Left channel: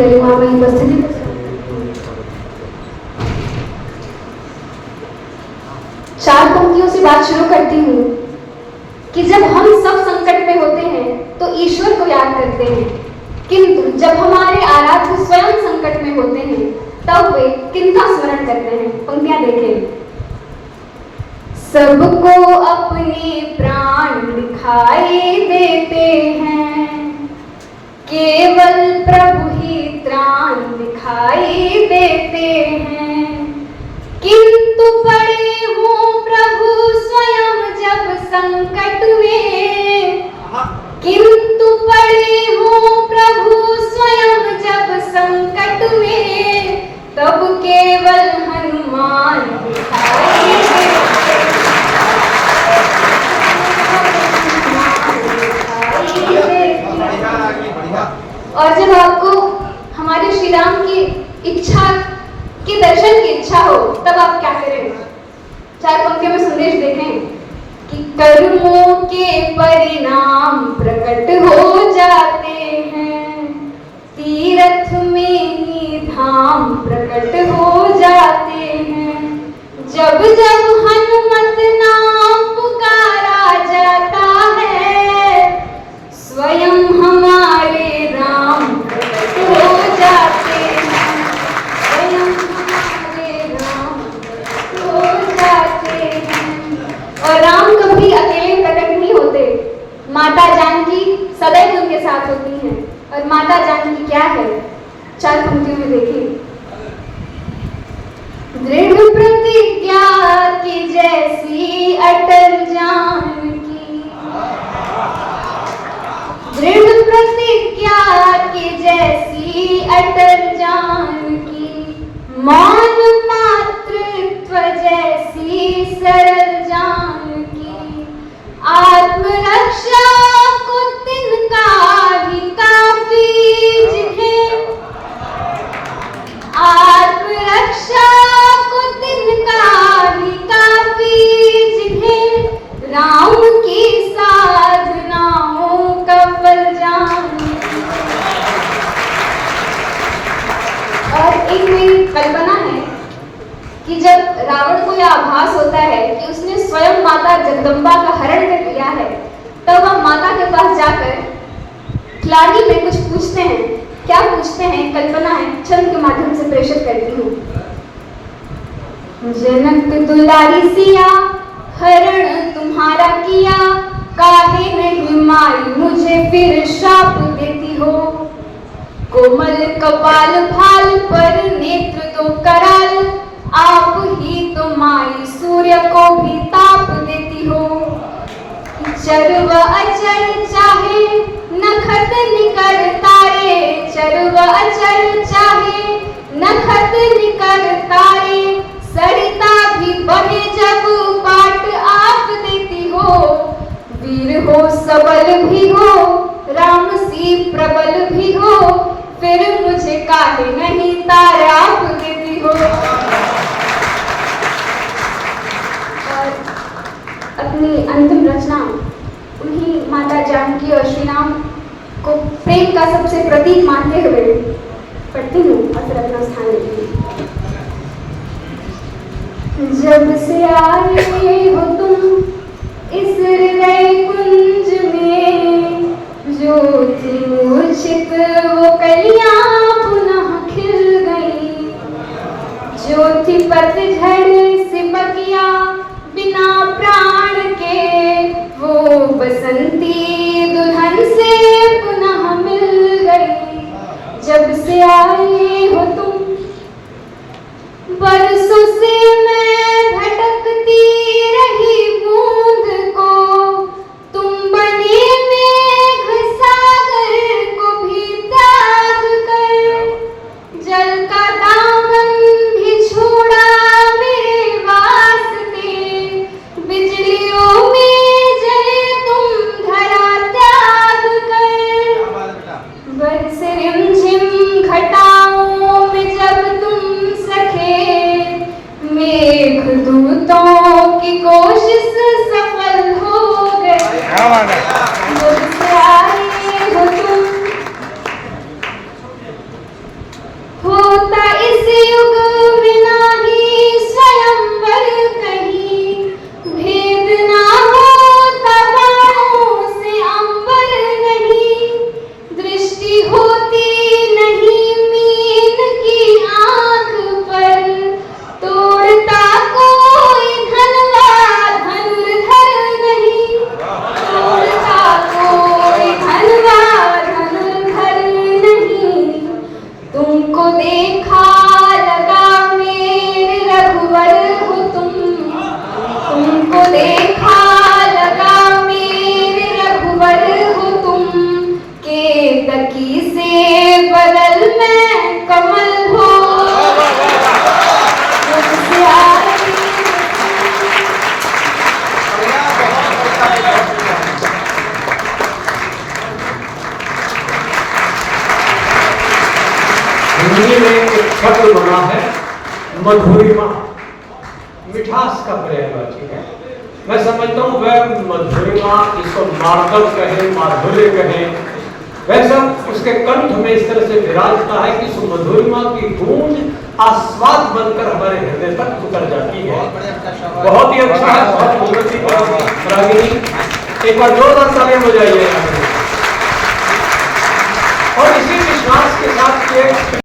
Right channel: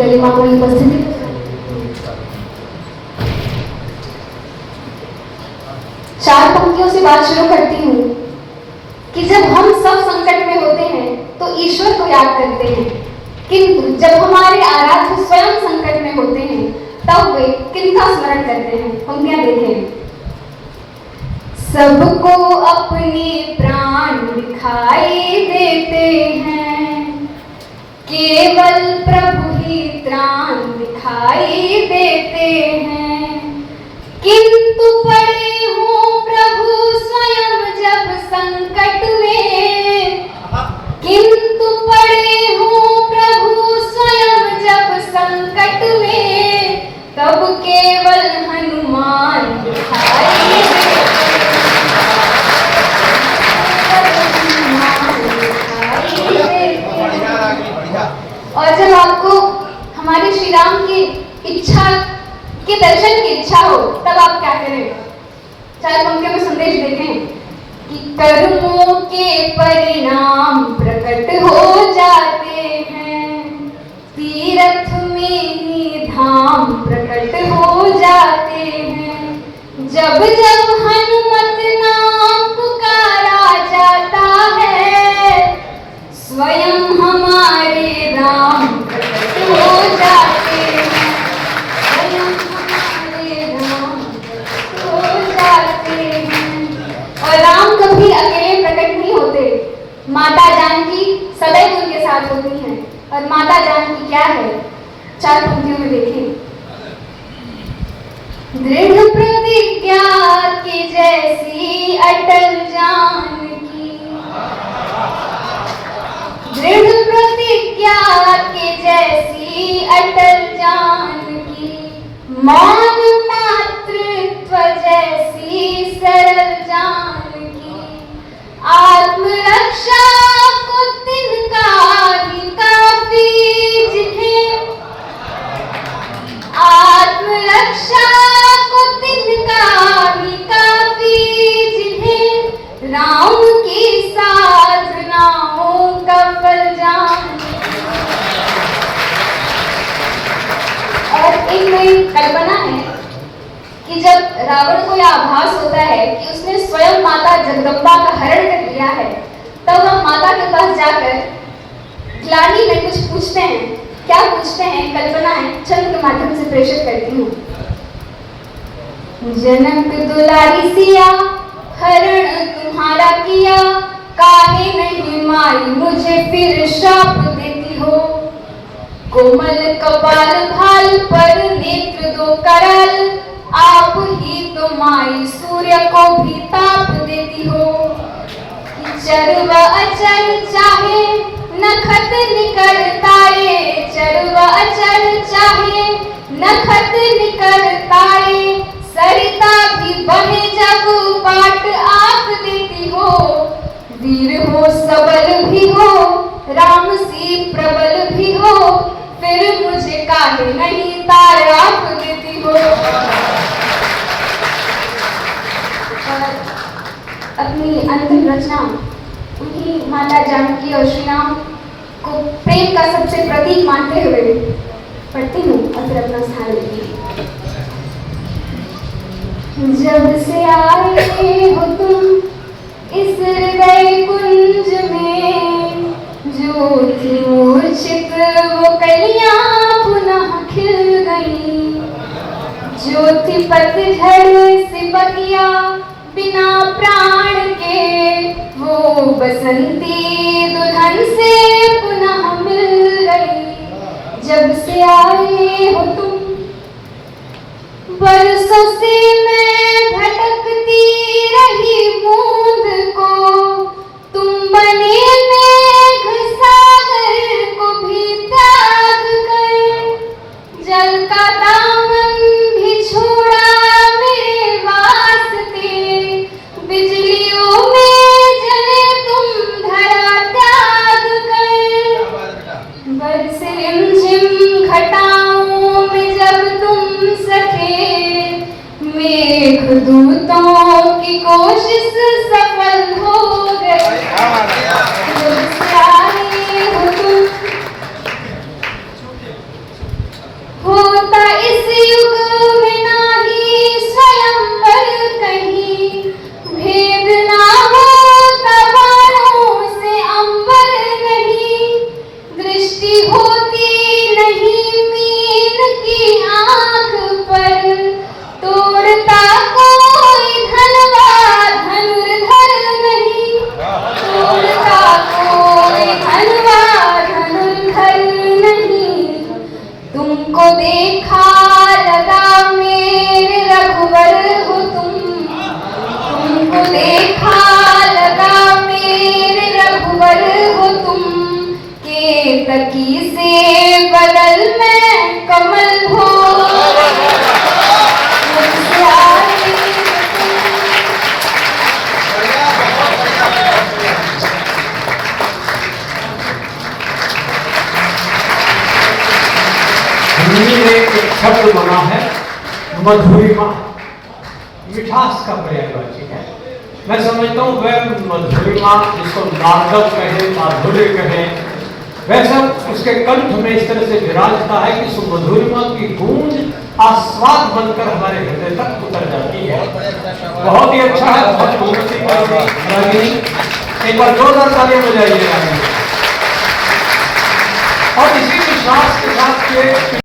गरिमा में उपस्थिति। चार पंक्तियों से बात शुरू करती हूँ कि जब हम सब संकट में होते हैं तो ईश्वर को याद करते हैं, किंतु जब हमारे आराध्य स्वयं संकट में होते हैं तब वे किनका स्मरण करते हैं। पंक्तियां देखें। सबको अपने प्राण दिखाई देते हैं, केवल प्रभु ही त्राण दिखाई देते हैं, किंतु पड़े हो प्रभु स्वयं जब संकट में, किंतु पड़े हो प्रभु स्वयं जब संकट में, तब केवल हनुमान दिखाई और जब आपको हमारे श्री राम की इच्छा के दर्शन की इच्छा हो तब आप क्या करें। चार पंक्तियों में संदेश देखें कि कर्मों के परिणाम प्रकट हो जाते हैं, तीर्थ में निधाम प्रकट हो जाते हैं, जब जब हनुमत नाम पुकारा जाता है, स्वयं हमारे राम प्रकट हो जाते हैं, स्वयं हमारे राम प्रकट हो जाते हैं। और राम कभी अकेले प्रकट नहीं होते, माता जानकी सदैव उनके साथ होती हैं। और माता जानकी क्या है, चार पंक्तियों में देखिए। दृढ़ प्रतिज्ञा की जैसी अटल जानकी, दृढ़ प्रतिज्ञा की जैसी अटल जानकी, मान मातृत्व जैसी सरल जानकी, आत्मरक्षा को तिनका भी काफी जिन्हें, आत्मरक्षा को तिनका भी काफी जिन्हें, राम की साधनाओं का फल जानकी। और इनमें कल्पना है कि जब रावण को यह आभास होता है कि उसने स्वयं माता जगदम्बा का हरण कर लिया है, तब वह माता के पास जाकर खिलाड़ी में कुछ पूछते हैं। क्या पूछते हैं, कल्पना है, छंद के माध्यम से प्रेषित करती हूँ। जनक दुलारी सिया हरण तुम्हारा किया, काहे नहीं माई मुझे फिर शाप देती हो, कोमल कपाल भाल पर नेत्र दो कराल, आप ही तो माई सूर्य को भी ताप देती हो, चरव अचल चाहे नखत निकल तारे, चरव अचल चाहे नखत निकल तारे, सरिता भी बहे जब पाट आप देती हो, वीर हो सबल भी हो राम सी प्रबल भी हो, फिर मुझे काहे नहीं तारे आप देती हो। और अपनी अंतिम रचना उन्हीं माता जानकी और श्री राम को प्रेम का सबसे प्रतीक मानते हुए पढ़ती हूँ और फिर अपना स्थान लेती हूँ। जब से आए हो तुम इस हृदय कुंज में, जो थी मूर्छित वो कलियां पुनः खिल गई, जो थी पतझड़ सिपहिया बिना प्राण के, वो बसंती दुल्हन से पुनः मिल गई। जब से आए हो तुम बरसों से मैं भटकती रही बूंद को, तुम बने मेघ सागर को भी त्याग कर, जल का दामन भी छोड़ा मेरे वास्ते, बिजलियों में जले तुम धरा त्याग कर, हिंदी में एक शब्द बना है मधुरिमा, मिठास का पर्यायवाची है। मैं समझता हूँ वह मधुरिमा, जिसको मार्दव कहे, माधुर्य कहे, वह सब उसके कंठ में इस तरह से विराजता है कि उस मधुरिमा की गूंज आस्वाद बनकर हमारे हृदय तक उतर जाती है। बहुत ही अच्छा है, बहुत मूर्ति, बहुत ही रागिनी। एक बार जोरदार तालियां बजाइए। और इसी विश्वास के साथ